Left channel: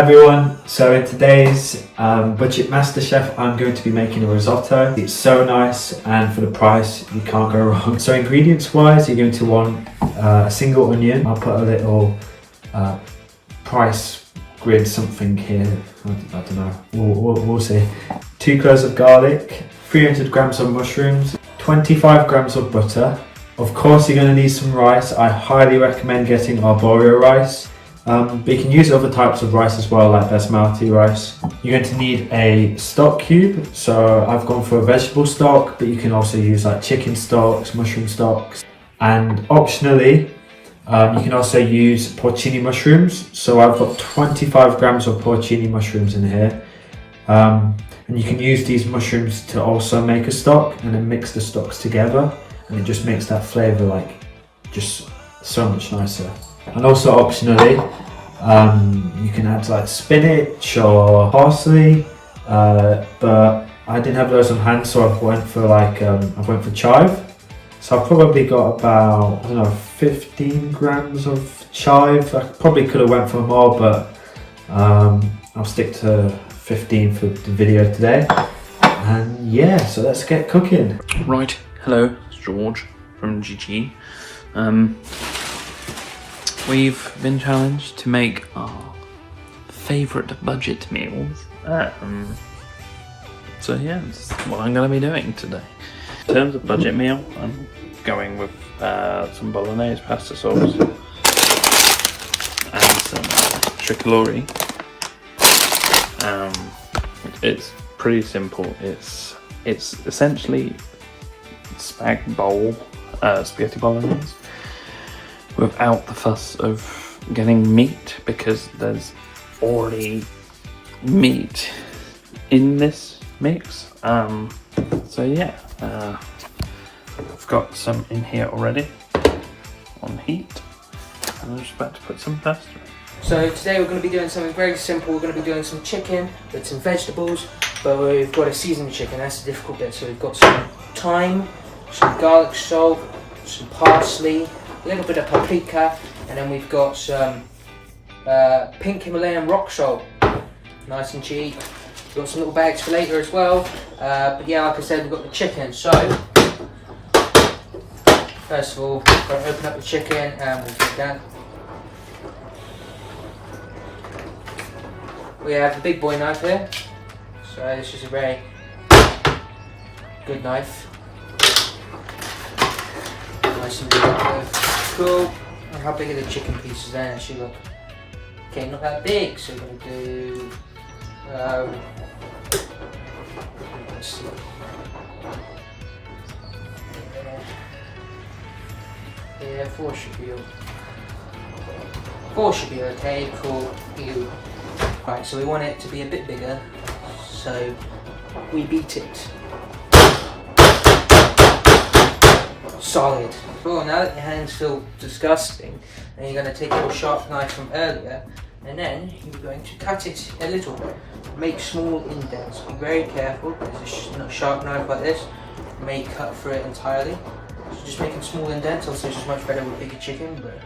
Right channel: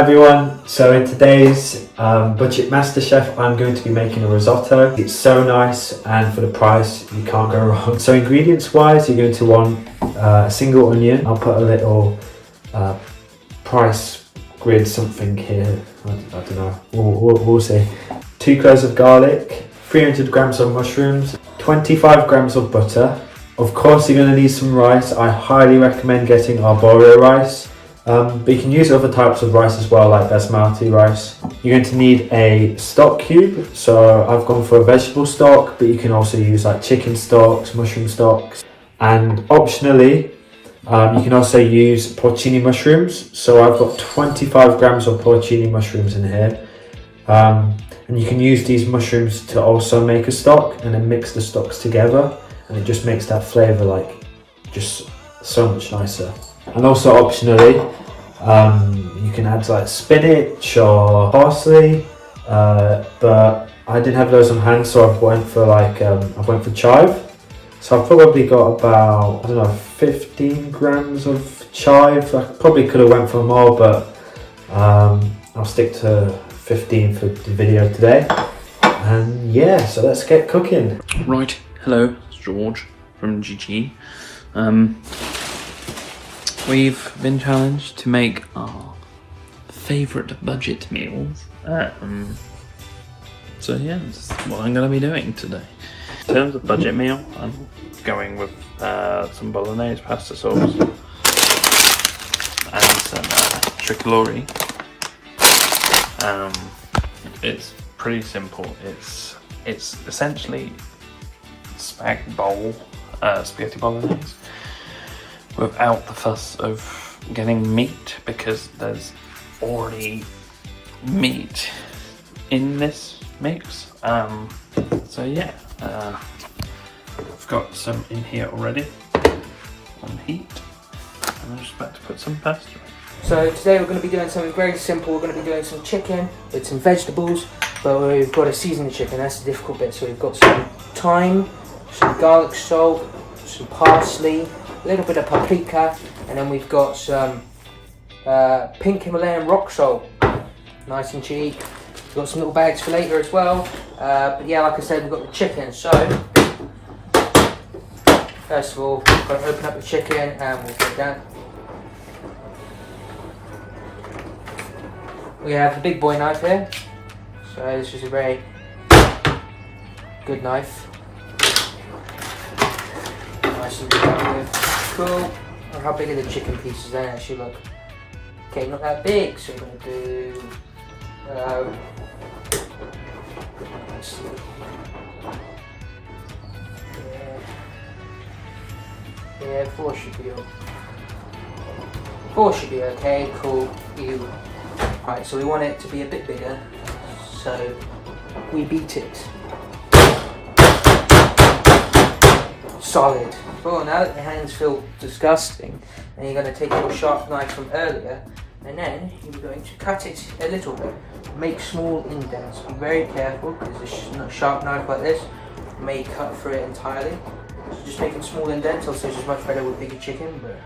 everyone, so in today's budget Masterchef I'm going to be making a risotto. It's so nice and for the price you can't go wrong. So ingredients wise you're going to want a single onion. I'll put a little price grid something here, I don't know, we'll see. 2 cloves of garlic, 300 grams of mushrooms, 25 grams of butter. Of course you're going to need some rice. I highly recommend getting arborio rice. But you can use other types of rice as well, like basmati rice. You're going to need a stock cube, so I've gone for a vegetable stock, but you can also use like chicken stocks, mushroom stocks, and optionally you can also use porcini mushrooms. So I've got 25 grams of porcini mushrooms in here, and you can use these mushrooms to also make a stock and then mix the stocks together, and it just makes that flavour like just so much nicer. And also optionally, you can add like spinach or parsley, but I didn't have those on hand, so I went for chive. So I've probably got about, I don't know, 15 grams of chive. I probably could have went for more, but I'll stick to 15 for the video today. And yeah, so let's get cooking. Right, hello, it's George from GG. We've been challenged to make our favourite budget meals. So yeah, that's what I'm going to be doing today. In terms of budget meal, I'm going with some bolognese pasta sauce and some tricolori. It's pretty simple. It's essentially spag bowl, spaghetti bolognese, without the fuss of getting meat, because there's already meat in this mix. So yeah, I've got some in here already on heat, and I'm just about to put some pasta in. So today we're going to be doing something very simple. We're going to be doing some chicken with some vegetables, but we've got to season the chicken. That's the difficult bit. So we've got some thyme, some garlic salt, some parsley, a little bit of paprika, and then we've got some pink Himalayan rock salt, nice and cheap. We've got some little bags for later as well, but yeah, like I said, we've got the chicken. So first of all, we've got to open up the chicken and we'll put it down. We have the big boy knife here, so this is a very good knife. Nice and good. Cool. And how big are the chicken pieces? They actually look okay, not that big. So we're gonna do. Let's see. Yeah, 4 should be. 4 should be okay. Cool. Ew. Alright, so we want it to be a bit bigger. So we beat it. Solid. Cool, now that your hands feel disgusting, then you're going to take your sharp knife from earlier, and then you're going to cut it a little bit. Make small indents. Be very careful, because a sharp knife like this may cut through it entirely. So just making small indents. Also, it's just much better with bigger chicken, but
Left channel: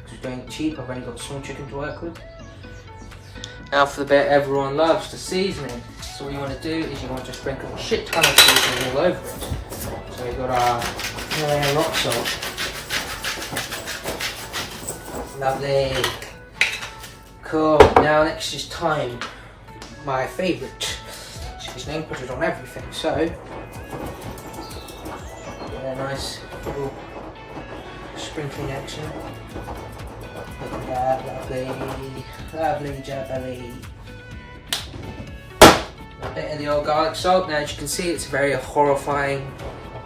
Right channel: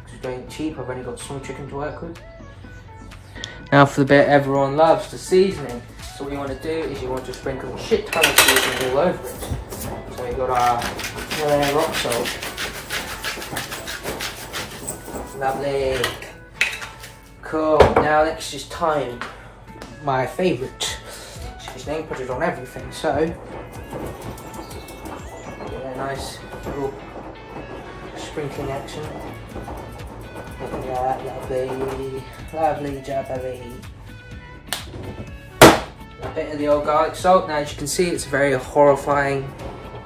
because it's going cheap, I've only got small chicken to work with. Now for the bit everyone loves, the seasoning. So what you want to do is you want to sprinkle a shit ton of seasoning all over it. So we've got our Himalayan rock salt. Lovely. Cool. Now next is thyme. My favourite seasoning. Put it on everything. So yeah, nice little sprinkling action. Look at that, lovely, lovely jubbly. A bit of the old garlic salt. Now as you can see, it's a very horrifying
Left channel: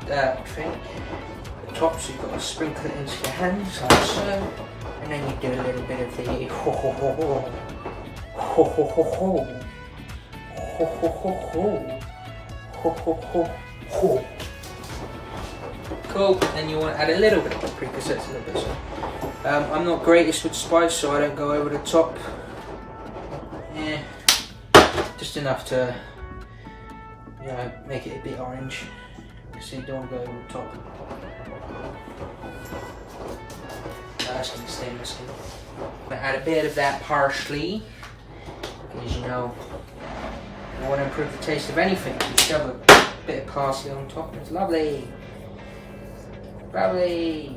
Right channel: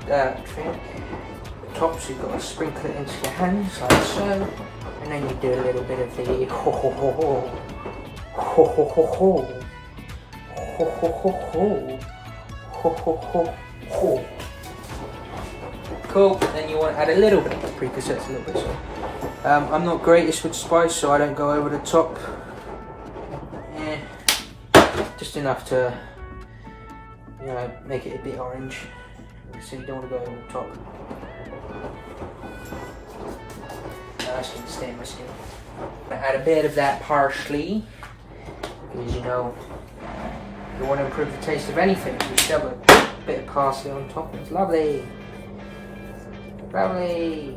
thing. The top, so you've got to sprinkle it into your hands like so, and then you do a little bit of the ho ho ho ho ho ho ho ho ho ho ho ho ho ho ho. Cool. Then you want to add a little bit of paprika, so it's a little bit so. I'm not greatest with spice, so I don't go over the top. Yeah, just enough to, you know, make it a bit orange. So you don't want to go over the top. That's going to stay in the skin. I add a bit of that parsley, Because you know, you want to improve the taste of anything. You shove a bit of parsley on top. It's lovely. Lovely.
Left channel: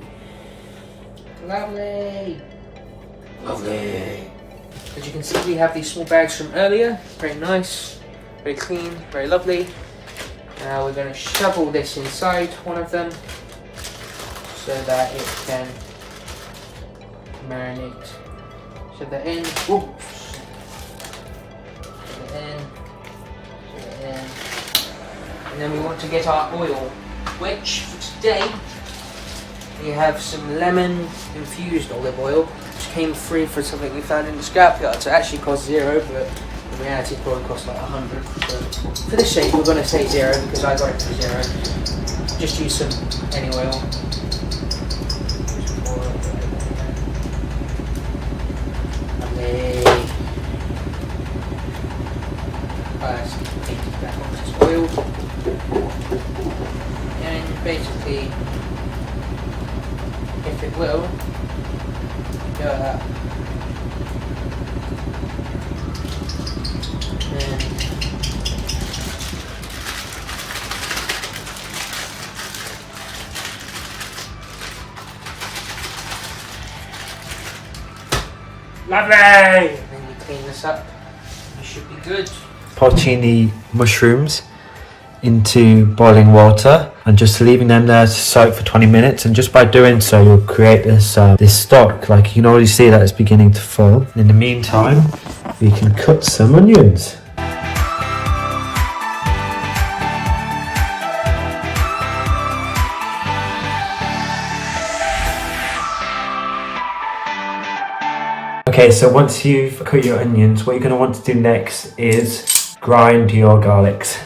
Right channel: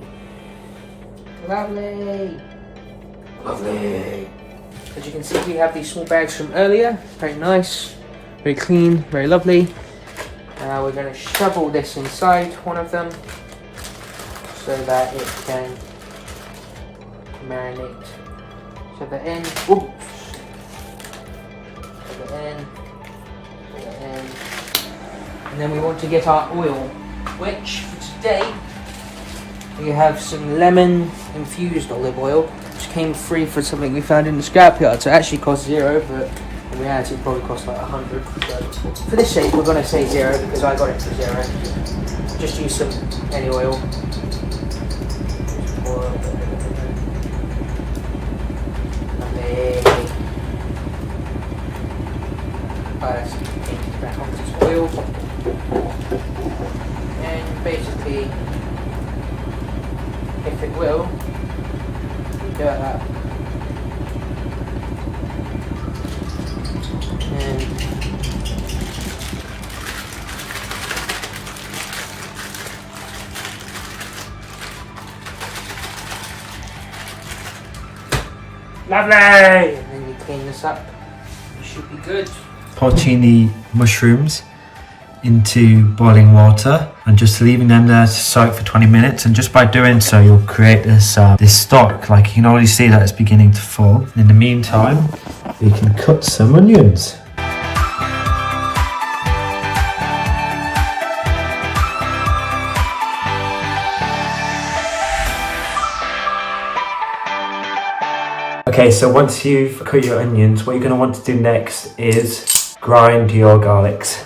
Lovely. Lovely. As you can see, we have these small bags from earlier. Very nice, very clean, very lovely. Now we're going to shovel this inside one of them so that it can marinate. Shove that in. Oops. Shove that in. Shove that in. And then we want to get our oil, which for today we have some lemon infused olive oil, which came free for something we found in the scrapyard. So it actually cost $0, but in reality it probably cost like $100. So for this sake we're going to say $0 because I got it for $0. Just use some any oil. Back onto this oil. And basically, if it will, go up. And lovely! And then you clean this up. You should be good. Porcini mushrooms into boiling water and just leaving them there to soak for 20 minutes, and just by doing so you'll create this this stock. Like you can already see that it's beginning to form. In the meantime we can cut some onions. Okay, so once you've cut your onions, what you're going to want to do next is grind your garlics.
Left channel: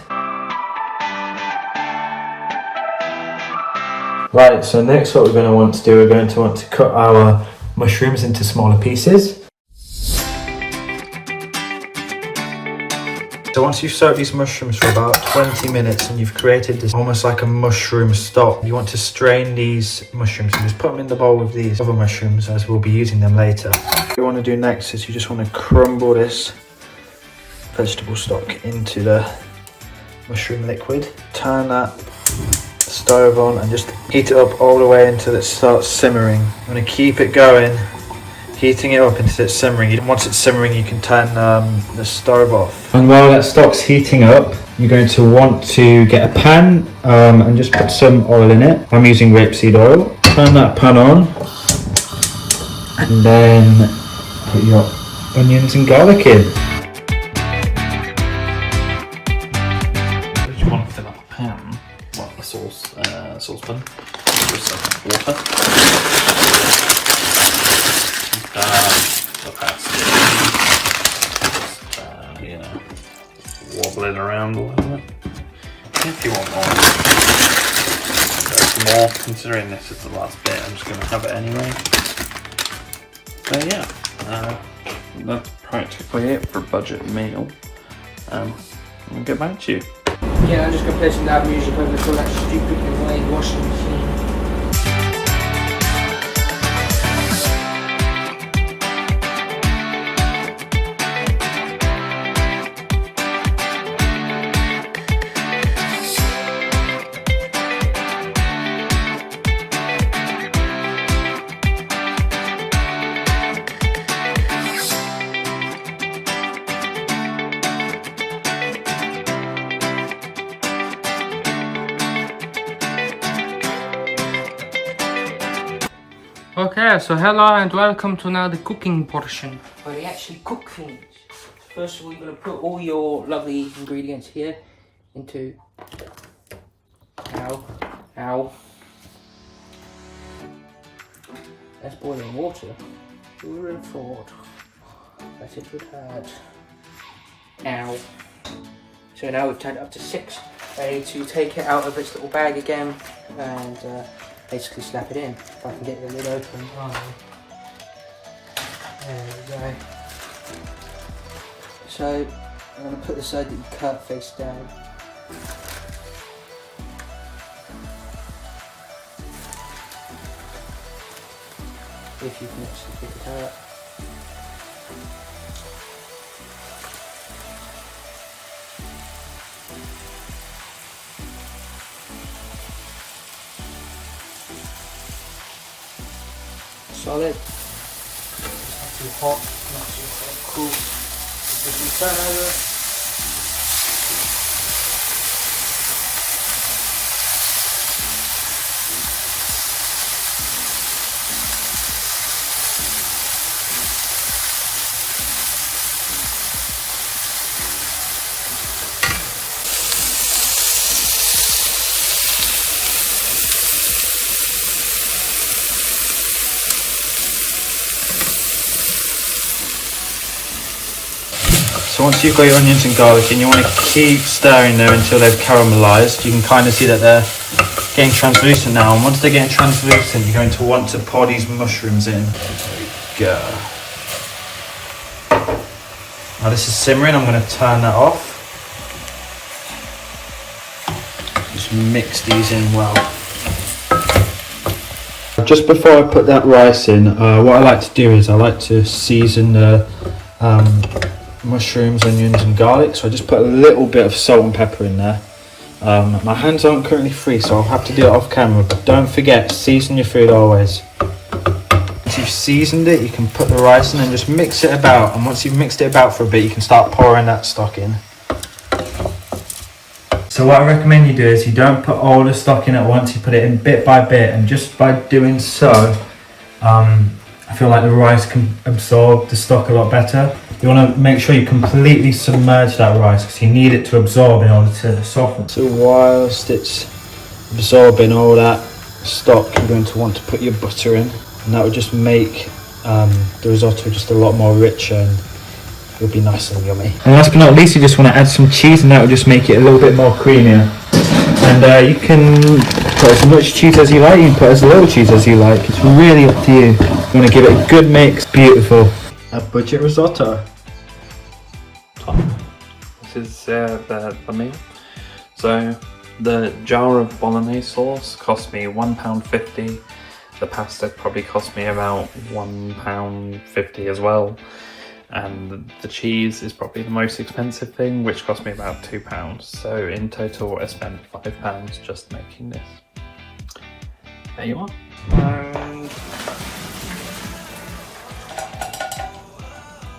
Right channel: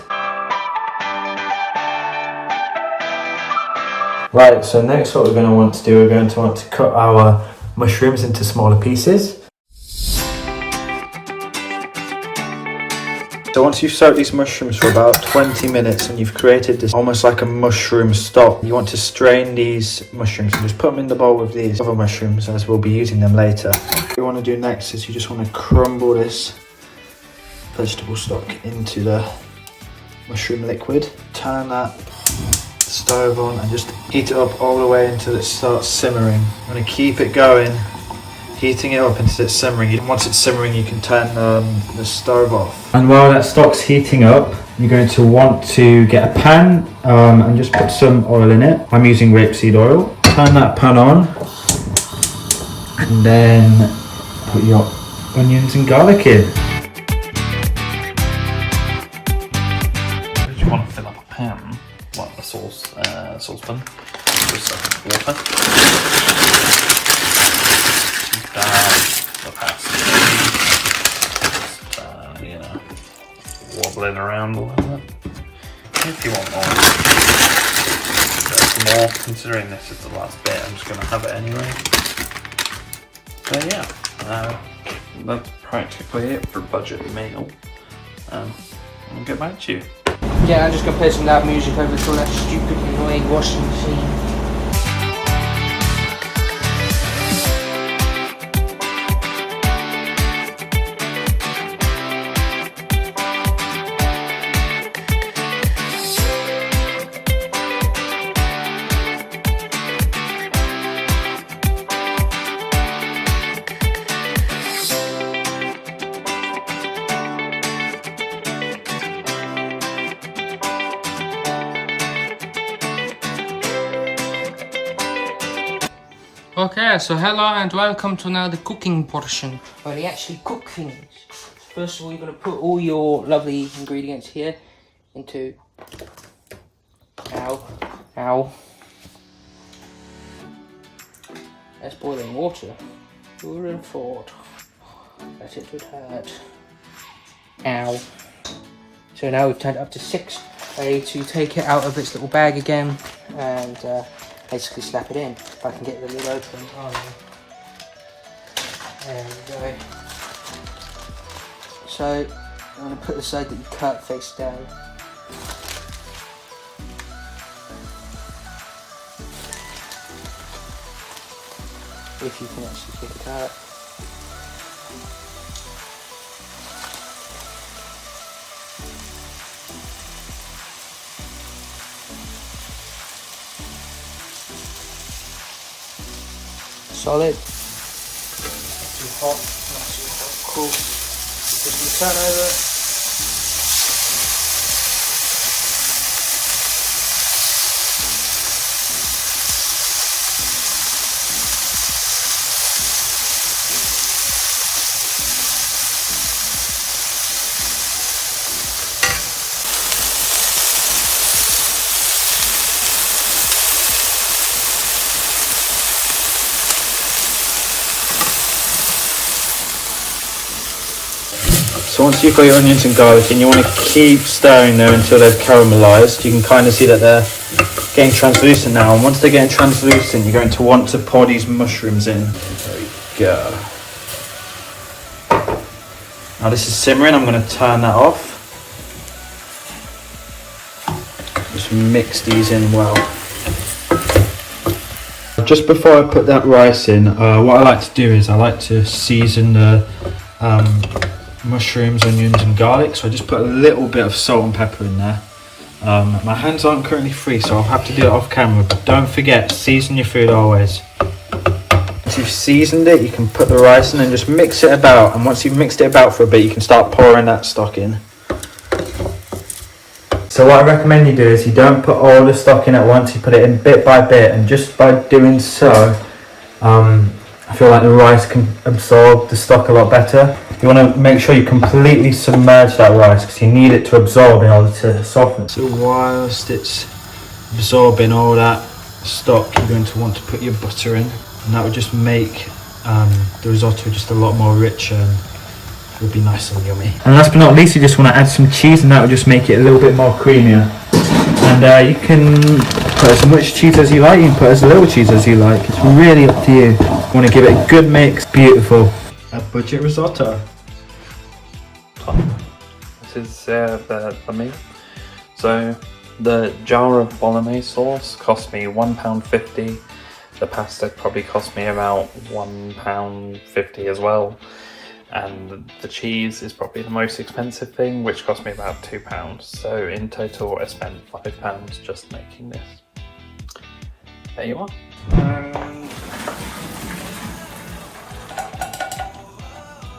Right, so next what we're going to want to do, we're going to want to cut our mushrooms into smaller pieces. So once you've soaked these mushrooms for about 20 minutes and you've created this almost like a mushroom stock, you want to strain these mushrooms and just put them in the bowl with these other mushrooms, as we'll be using them later. What you want to do next is you just want to crumble this vegetable stock into the mushroom liquid. Turn that stove on and just heat it up all the way until it starts simmering. I'm going to keep it going, heating it up until it's simmering. And once it's simmering you can turn the stove off. And while that stock's heating up, you're going to want to get a pan and just put some oil in it. I'm using rapeseed oil. Turn that pan on and then put your onions and garlic in. You want to fill up a pan, like a saucepan, with some water. The pasta, just, wobbling around a little bit. If you want more, there's more. Considering this is the last bit, I'm just going to have it anyway. So yeah, that's practically it for a budget meal. I'll get back to you. yeah, I'm just going to play some loud music over to that stupid annoying washing machine. Okay, so hello and welcome to now the cooking portion, where we actually cook things. First of all, you're going to put all your lovely ingredients here into... Ow. That's boiling water. Who would have thought that it would hurt? Ow. So now we've turned it up to 6. Ready to take it out of its little bag again and basically slap it in. If I can get the lid open. Oh, there we go. So I'm going to put the side that you cut face down. If you can actually pick it out. solid. Not too hot, not too hot. Cool. Just we turn over. So once you've got your onions and garlic in, you want to keep stirring there until they've caramelised. You can kind of see that they're getting translucent now, and once they're getting translucent, you're going to want to pour these mushrooms in. There we go. Now this is simmering, I'm going to turn that off. Just mix these in well. Just before I put that rice in, what I like to do is I like to season the mushrooms, onions and garlic, so I just put a little bit of salt and pepper in there. My hands aren't currently free, so I'll have to do it off camera, but don't forget, season your food always. Once you've seasoned it, you can put the rice in and just mix it about, and once you've mixed it about for a bit, you can start pouring that stock in. So what I recommend you do is you don't put all the stock in at once, you put it in bit by bit, and just by doing so, I feel like the rice can absorb the stock a lot better. You want to make sure you completely submerge that rice because you need it to absorb in order to soften. So whilst it's absorbing all that stock, you're going to want to put your butter in, and that will just make the risotto just a lot more richer and it'll be nice and yummy. And last but not least, you just want to add some cheese, and that will just make it a little bit more creamier. And you can put as much cheese as you like, you can put as little cheese as you like. It's really up to you. You want to give it a good mix. Beautiful. A budget risotto. This is the meal. So the jar of bolognese sauce cost me £1.50. The pasta probably cost me about £1.50 as well. And the cheese is probably the most expensive thing, which cost me about £2. So in total I spent £5 just making this. There you are. And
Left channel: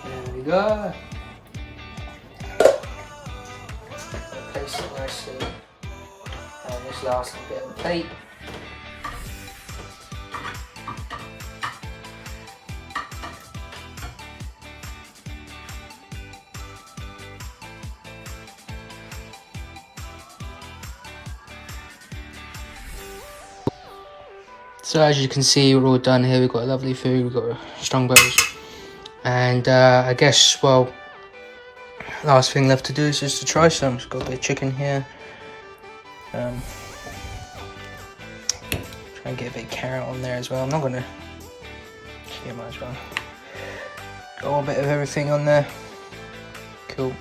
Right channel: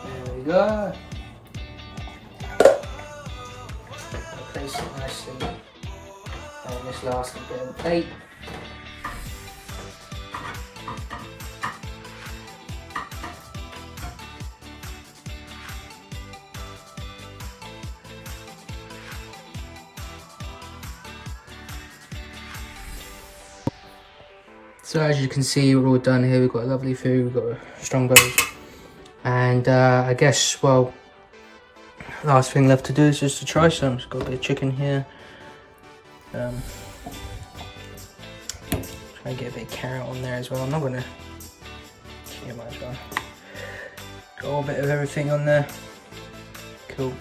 there we go. Place it nicely on this last bit of the plate. So as you can see, we're all done here. We've got lovely food, we've got strong bows, and I guess, well, last thing left to do is just to try some. It's got a bit of chicken here. Try and get a bit of carrot on there as well. I'm not gonna, yeah, might as well. Got a bit of everything on there. Cool.